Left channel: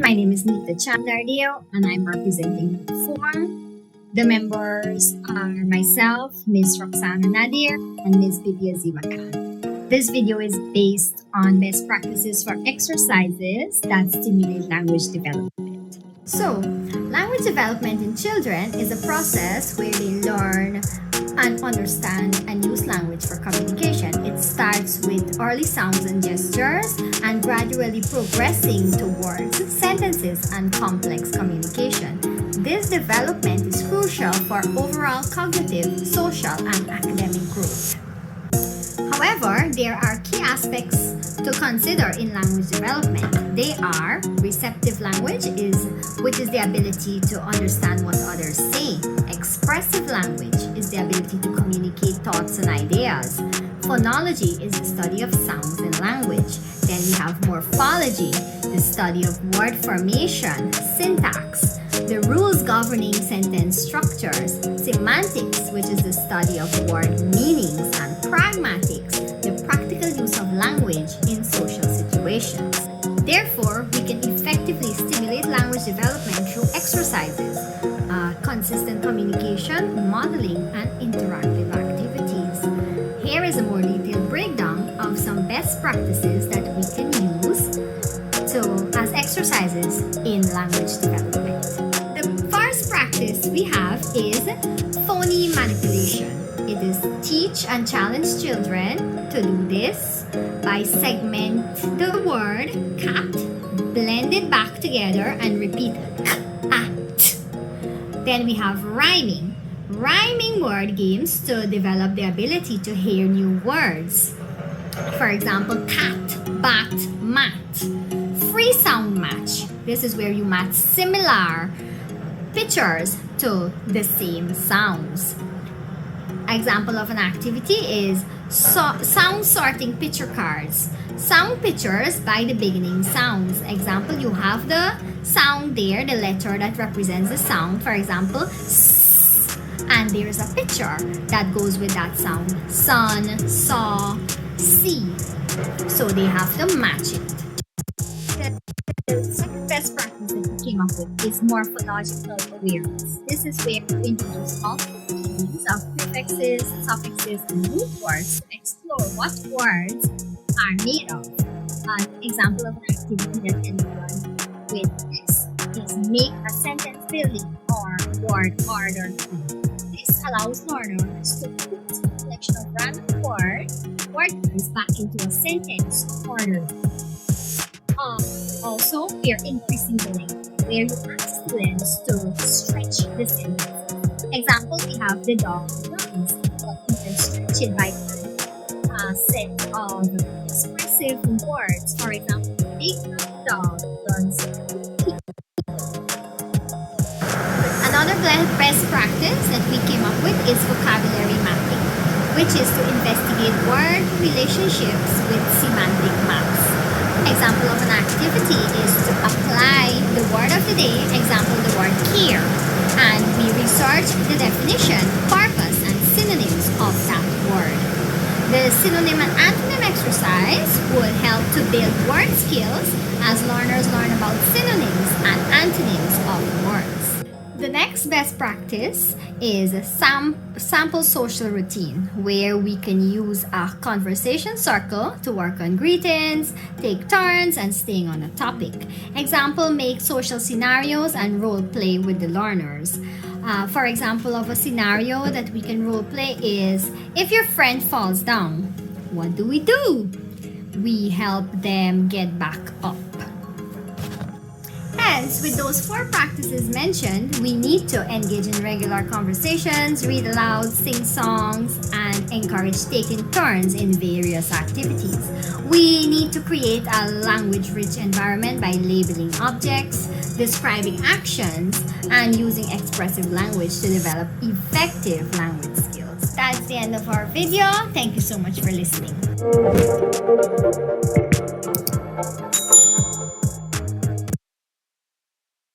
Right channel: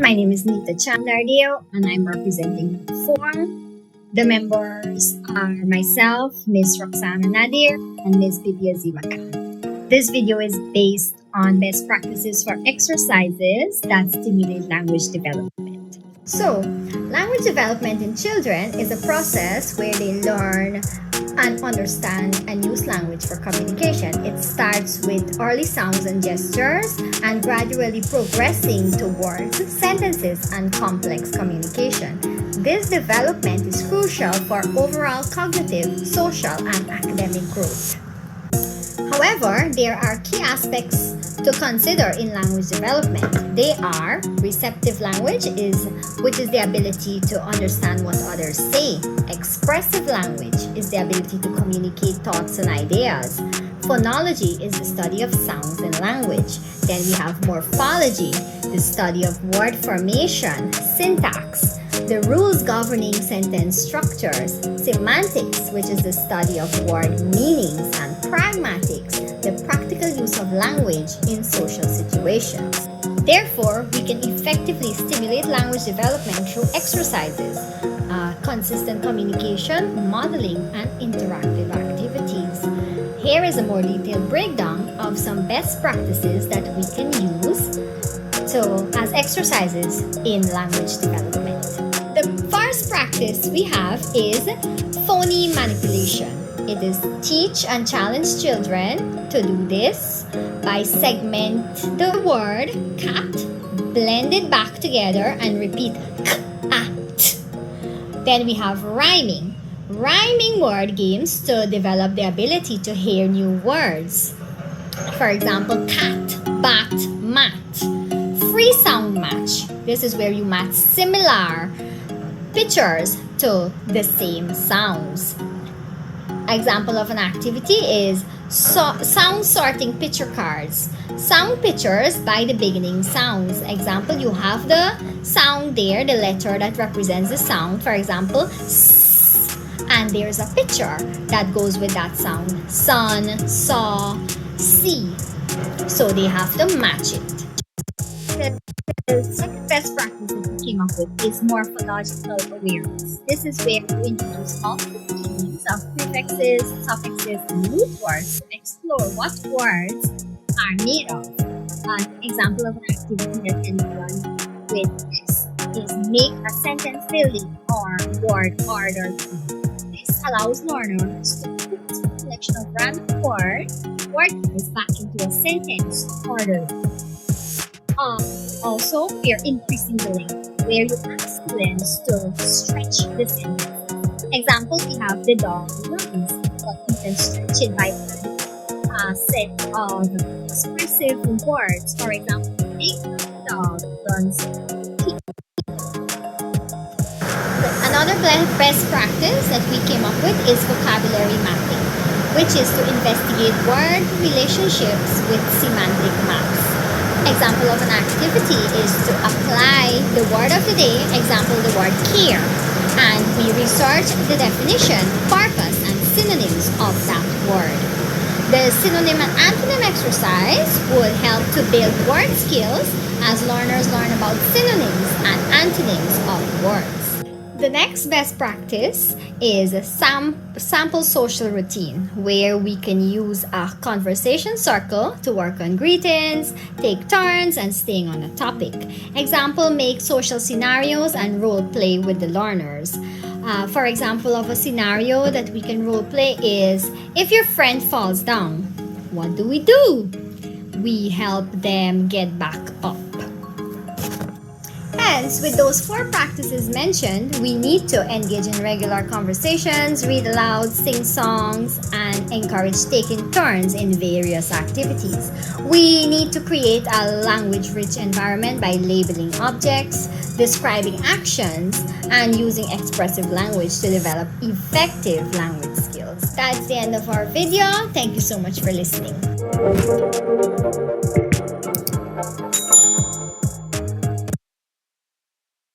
My name is Nita Chandardeo and I'm representing Form. The members are myself, Ms. Roxana Nadir, and Ms. Bibia Ziwakan. This video is based on best practices for exercises that stimulate language development. So, language development in children is a process where they learn and understand and use language for communication. It starts with early sounds and gestures and gradually progressing towards sentences and complex communication. This development is crucial for overall cognitive, social, and academic growth. However, there are key aspects to consider in language development. They are receptive language, which is the ability to understand what others say. Expressive language is the ability to communicate thoughts and ideas. Phonology is the study of sounds in language. Then we have morphology, the study of word formation, syntax, the rules governing sentence structures, semantics, which is the study of word meanings, and pragmatics, the practical use of language in social situations. Therefore, we can effectively stimulate language development through exercises, consistent communication, modeling, and interactive activities. Here is a more detailed breakdown of some best practices that we can use as exercises in language development. The first practice we have is phony manipulation. It is teach and challenge children to do this by segment the word cat, blend it back together, and repeat at. Then we have rhyming. Rhyming word games to develop the ability to hear new words. For example, cat, bat, mat. Free sound match. This is where you match similar pictures to the same sounds. Example of an activity is sound sorting picture cards. Sound pictures by the beginning sounds. Example, you have the sound there, the letter that represents the sound. For example, S, and there's a picture that goes with that sound. Sun, saw, see. So they have to match it. The second best practice that we came up with is morphological awareness. This is where you introduce multiple meanings of prefixes, suffixes, and root words to explore what words are made of. An example of an activity that can be done with this is make a sentence building or word order tree. This allows learners to put a collection of random words back into a sentence order. Also, we are increasing the length, where you ask students to stretch the sentence. Example, we have the dog runs, but you can stretch it by a set of expressive words. For example, big dog runs. Another best practice that we came up with is vocabulary mapping, which is to investigate word relationships with semantic maps. Example of an activity is to apply the word of the day, example the word care, and we research the definition, purpose, and synonyms of that word. The synonym and antonym exercise would help to build word skills as learners learn about synonyms and antonyms of words. The next best practice is a sample social routine, where we can use a conversation circle to work on greetings, take turns, and staying on the topic. Example, make social scenarios and role play with the learners. For example of a scenario that we can role play is, if your friend falls down, what do? We help them get back up. Hence, with those 4 practices mentioned, we need to engage in regular conversations, read aloud, sing songs, and encourage taking turns in various activities. We need to create a language-rich environment by labeling objects, describing actions, and using expressive language to develop effective language skills. That's the end of our video. Thank you so much for listening.